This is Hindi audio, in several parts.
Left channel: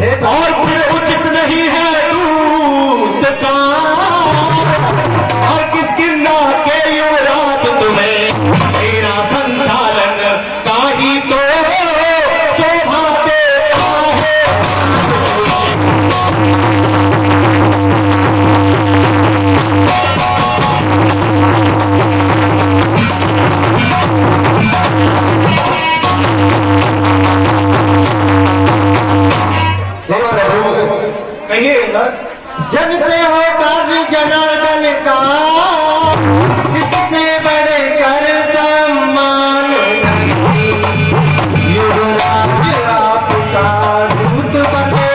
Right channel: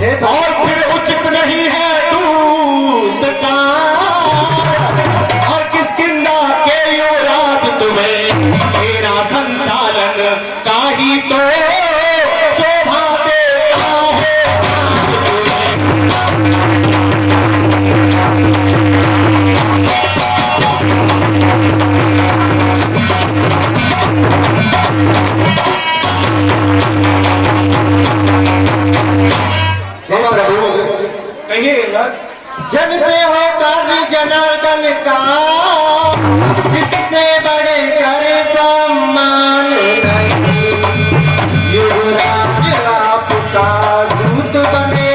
और फिर उचित नहीं है दूत का और किस किन्ना के युवराज तुम्हें सेना संचालन का ही तो शोभा देता है। जन से हो कार्य जनार्दन का, इससे बड़े कर सम्मान नहीं। युवराज आपका दूत बने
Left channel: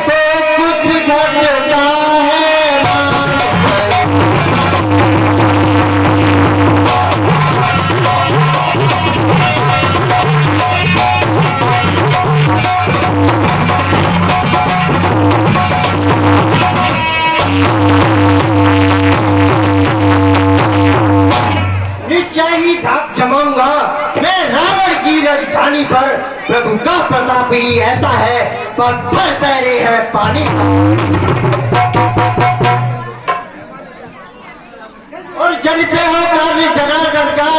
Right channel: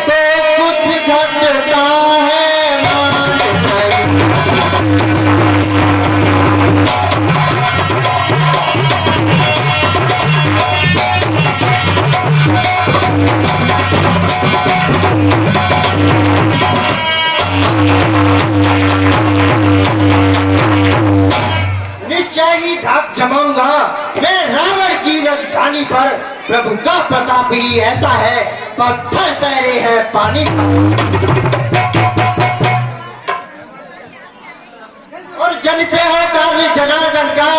तो कुछ घटता है मान निश्चय ही धाक जमाऊंगा मैं रावण की राजधानी पर। प्रभु का प्रताप ही ऐसा है, पत्थर तैरे हैं पानी पर। और जन से हो कार्य जनार्दन का,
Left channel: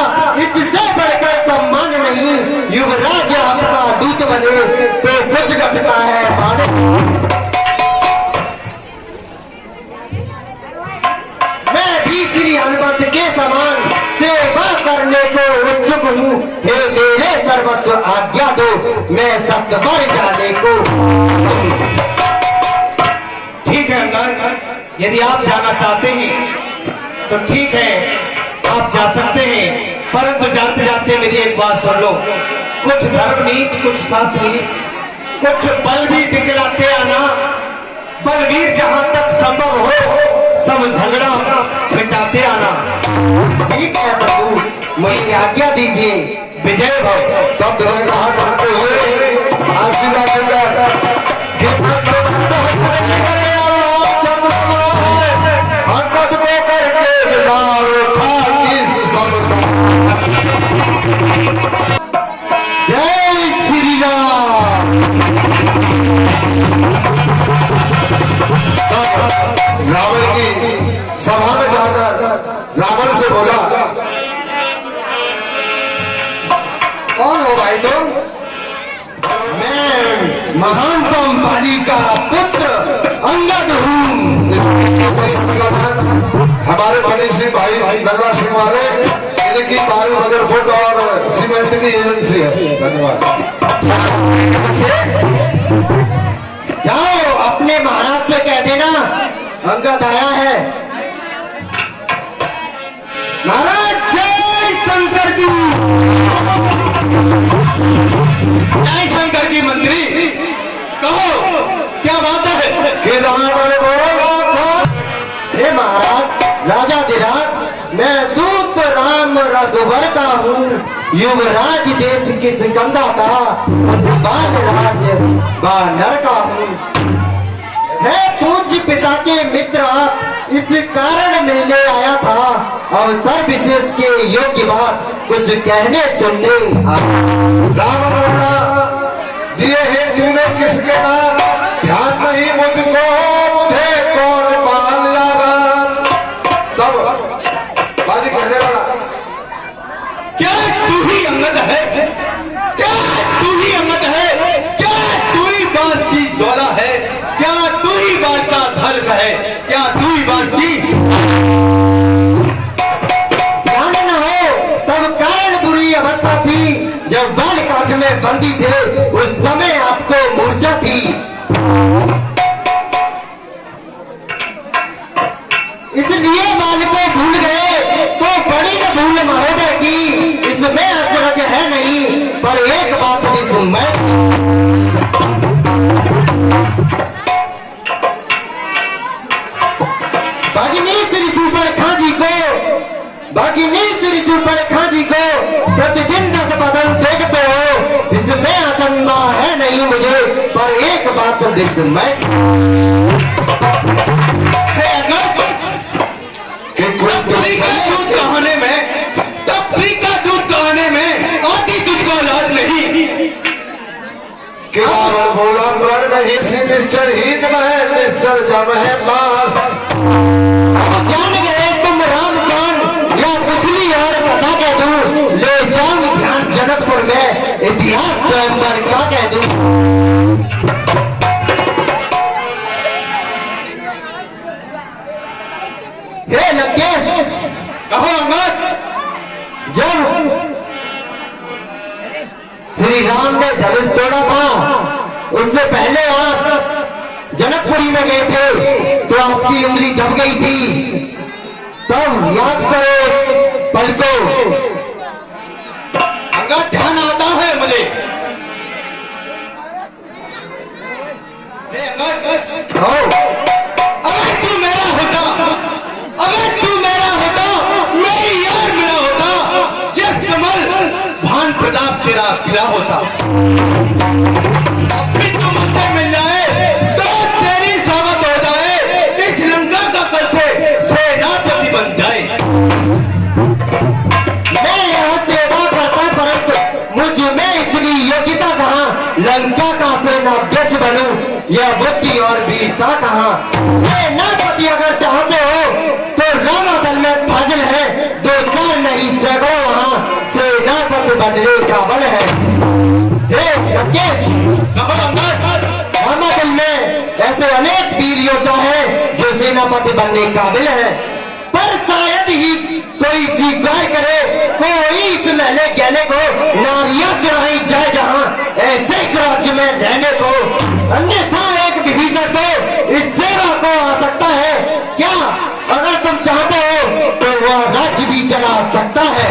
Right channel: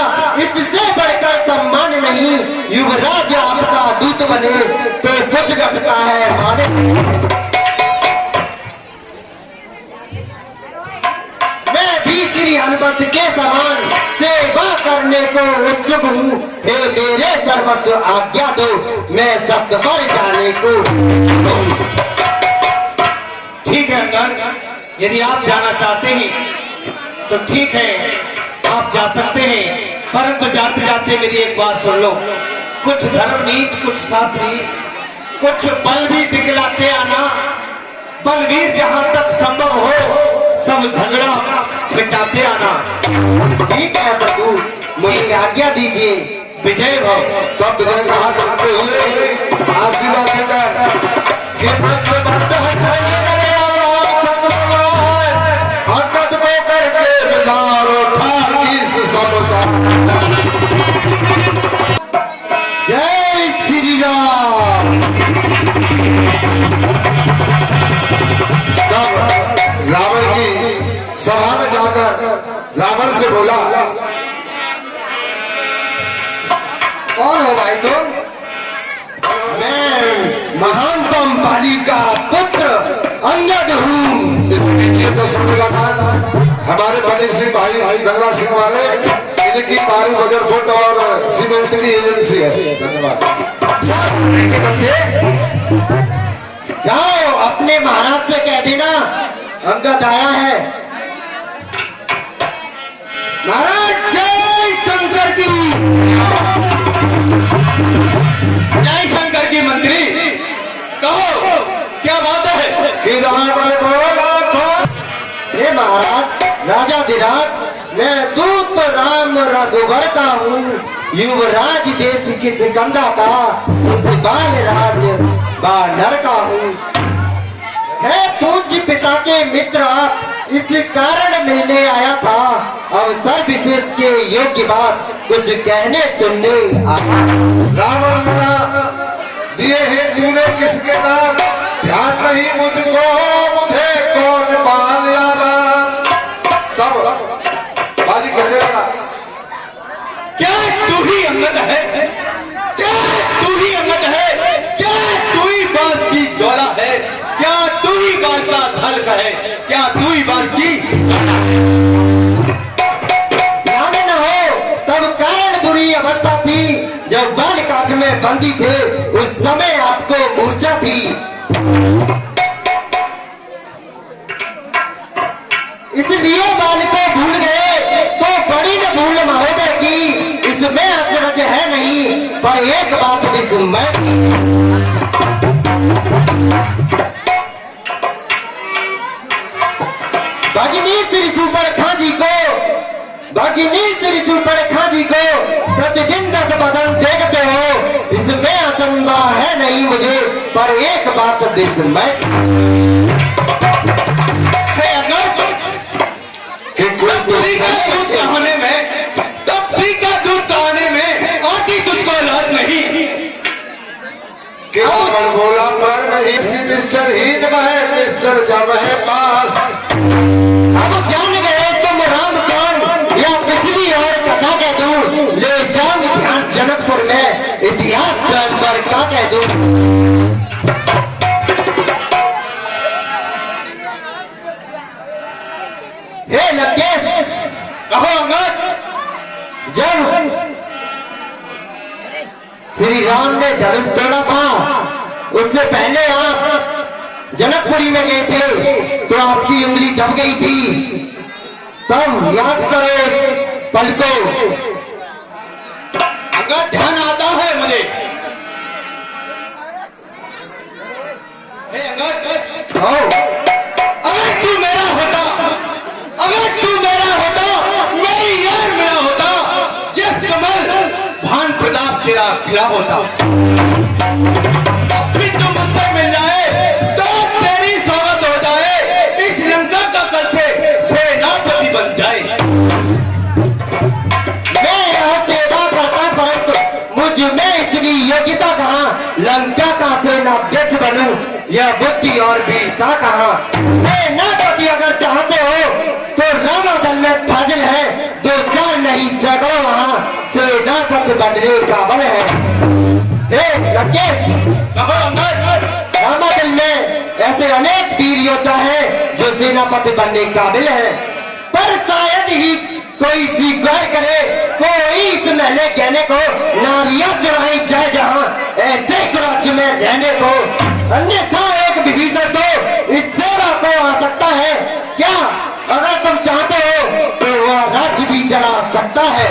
इससे बढ़कर सम्मान नहीं। युवराज आपका दूत बने तो कुछ घटता है माने। मैं भी श्री हनुमत के समान सेवा करने को उत्सुक हूँ। हे मेरे सर्वस्व आज्ञा दो, मैं सत्वर जाने को। ठीक है अंगद, यदि आप जाना चाहते हैं तो ठीक है, आप जा सकते हैं। परंतु जाते जाते मेरी एक बात सुन लो। कुछ धर्म नीति, कुछ शास्त्र नीति, कुछ बल भी दिखलाते आना। बलवीर जहां तक संभव हो सब झगड़ा मिटाते आना। ठीक है प्रभु, मुझे आज्ञा दीजिए। विजय भव। तब विजय कहा करते हुए आशीर्वाद देकर हे भक्त बंद हंस रही लगे और रामचंद्र है अंगद को करके विधान था किस सबका। जय श्री राम। रावण की सभा में जाकर रावण से बोला, कौन हो भाई तुम? मैं महानतम बाली का पुत्र अंगद हूँ। इस नीचे को सुनता था हमारे बड़े से भाई गंगा सिंह वाले, इनकी पारी बजर फुट और सीमेंट की एजेंसी है। धन्यवाद। जाओ अपने महाराज से कह देना अंगद आया है। महाराज जय शंकर की। जय शंकर की मंत्री, कहो क्या बात है? कि रावण बोला था, हे महाराज राजाधिराज, मैं दूत राम रघुवर का हूँ। युवराज देश की सिकंदा का फुटबाल राज बानर का हूँ। है पूज्य पिता के मित्र, इस कारण मिलने आया था। अवसर विशेष के योग्य बात कुछ कहने सुनने आया। रावण दिए हैं तूने किसके नाम, ध्यान नहीं मुझको थे कौन पाल या राम। तब बाली कहने लगा, क्या तू ही अंगद है? क्या तू ही अंगद है? क्या तू ही बांस की ज्वाला है? क्या तू ही बात का धल्क है? क्या तू ही बात की? ध्यान न हो तब कारण बुरी अवस्था थी। जब बाल काठ में बंदी थे उस समय आपको मूर्छा थी। इसलिए बाल को भूल गए तो बड़ी न भूल महोदय की। इसमें अचरज है नहीं, पर एक बात भी सुन मैं। भगिनी श्री सुपर्णखा जी को, भगिनी श्री सुपर्णखा जी को प्रतिदिन 10 बदन देखते हो। इसमें अचंबा है नहीं मुझे, पर एक बात विस्मय है अगस्त कि तपली का दूध कहाने में, तपली का दूध कहाने में आदि तुझको लाज नहीं। कि रावण बोला प्रण नहीं सीध चढ़ीन में निस्सर जम है पास। अब जान गए तुम राम कौन, या पिछली और कथा कह दूं, ले जाऊं ध्यान जनकपुर में, इतिहास स्वयंवर क्या कह दूं। हे लंकेश, कहो अंगद। जब श्री राम ने धनुष तोड़ा था, उससे पहले आप जनकपुरी में गए थे तो आपकी उंगली दब गई थी। तब याद करो इस पल को। अंगद ध्यान आता है मुझे। हे अंगद, हो अगर तू मेरा होता, अगर तू मेरा होता, मेरी यार मेरा होता, यश कमल भान प्रताप तेरा खिला होता। अब भी तू मुझसे मिल जाए तो तेरी स्वागत हो जाए, इस लंका का करते सेनापति बन जाए। मैं यहाँ सेवा करता, परंतु मुझ में इतनी योग्यता कहाँ, लंका का सेनाध्यक्ष बनूं, यह बुद्धि और वीरता कहाँ। सेनापति अगर चाहते हो तो रामादल में फाजिल है, दो चार नहीं सैकड़ों वहाँ सेनापति बनने का बल है। हे लंकेश, रामादल में ऐसे अनेक वीर योद्धा हैं जो सेनापति बनने काबिल है, पर शायद ही कोई स्वीकार करे, कोई इस महले कहने को नारियां चढ़ाई जाए जहां ऐसे राज्य में रहने को, अन्यथा एक विभीषण तो इस सेवा को आ सकता है क्या। अगर तुम चाहते हो तो वह राज्य भी चला सकता है।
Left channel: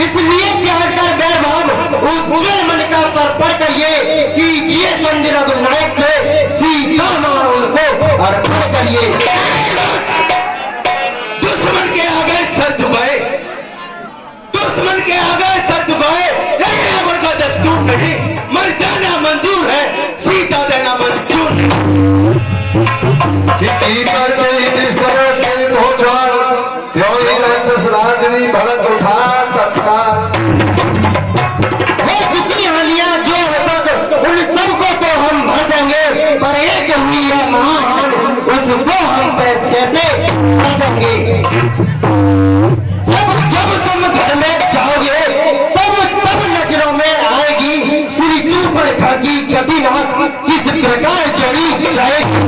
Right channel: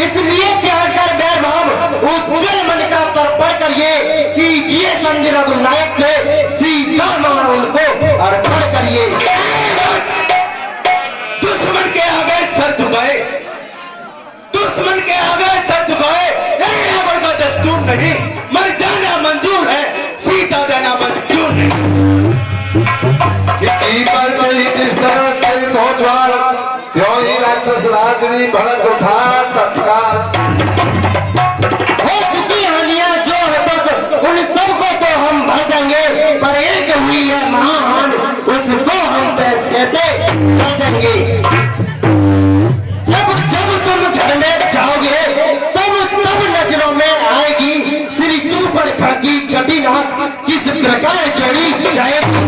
इसलिए त्याग कर वैभव उज्जवल मन का तर्पण करिए, कीजिए संधि रघुनायक से सीता मां उनको अर्पण करिए। दुश्मन के आगे सर झुकाए, दुश्मन के आगे सर झुकाए, रावण का दस्तूर नहीं, मर जाना मंजूर है, सीता देना मंजूर नहीं। कि पर गई जिस तरह प्रेरित हो ठान, त्यों ही राक्षस राज भी भड़क उठा तत्काल। हो चुकी हानियां जो है तक, उन सबको तो हम भर देंगे, पर एक हुई है महाहान, उसको हम कैसे भर देंगे। जब जब तुम घर में जाओगे तब तब नजरों में आएगी श्री शूर्पणखा की कठिन आंख किस प्रकार जोड़ी जाएगी।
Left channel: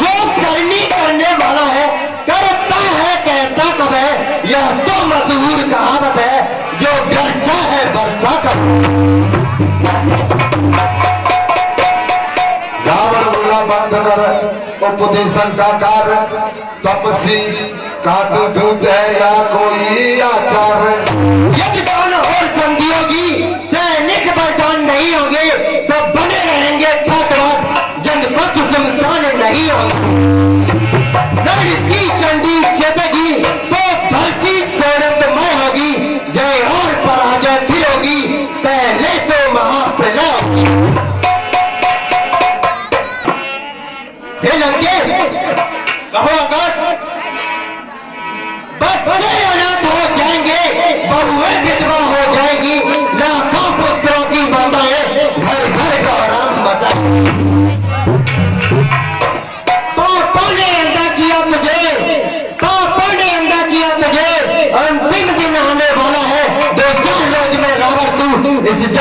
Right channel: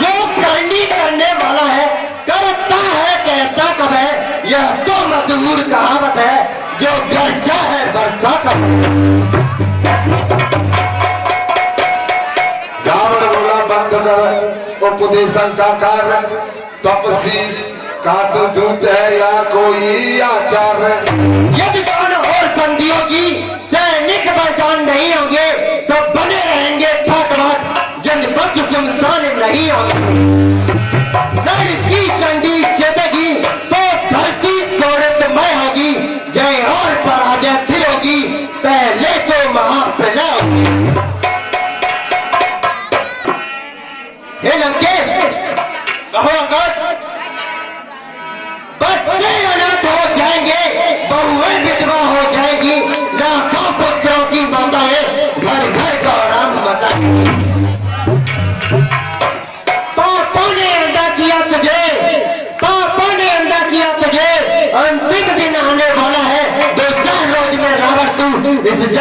जो करनी करने वाला है, करता है कहता कब है, यह तो मशहूर कहावत है, जो गर्जा है बरसा कब। रावण बोला बंद कर उपदेशन का कार्य, तपसी का दूत है या कोई आचार्य। यदि कौन और संधि होगी, सैनिक बलिदान नहीं होंगे, सब बने रहेंगे ठाटवाद, जनपद शमशान नहीं होंगे। लड़की चंडी चेतेगी तो धरती सोरतमय होगी, जय और पराजय फिर होगी, पहले तो महाप्रलय होगी। हे लंकेश, कहो अंगद, बच्चे अनाथ हो जाएंगे, बहुएं विधवा हो जाएगी, लाखों पुत्रों की माताएं घर घर का आराम मचाएंगी।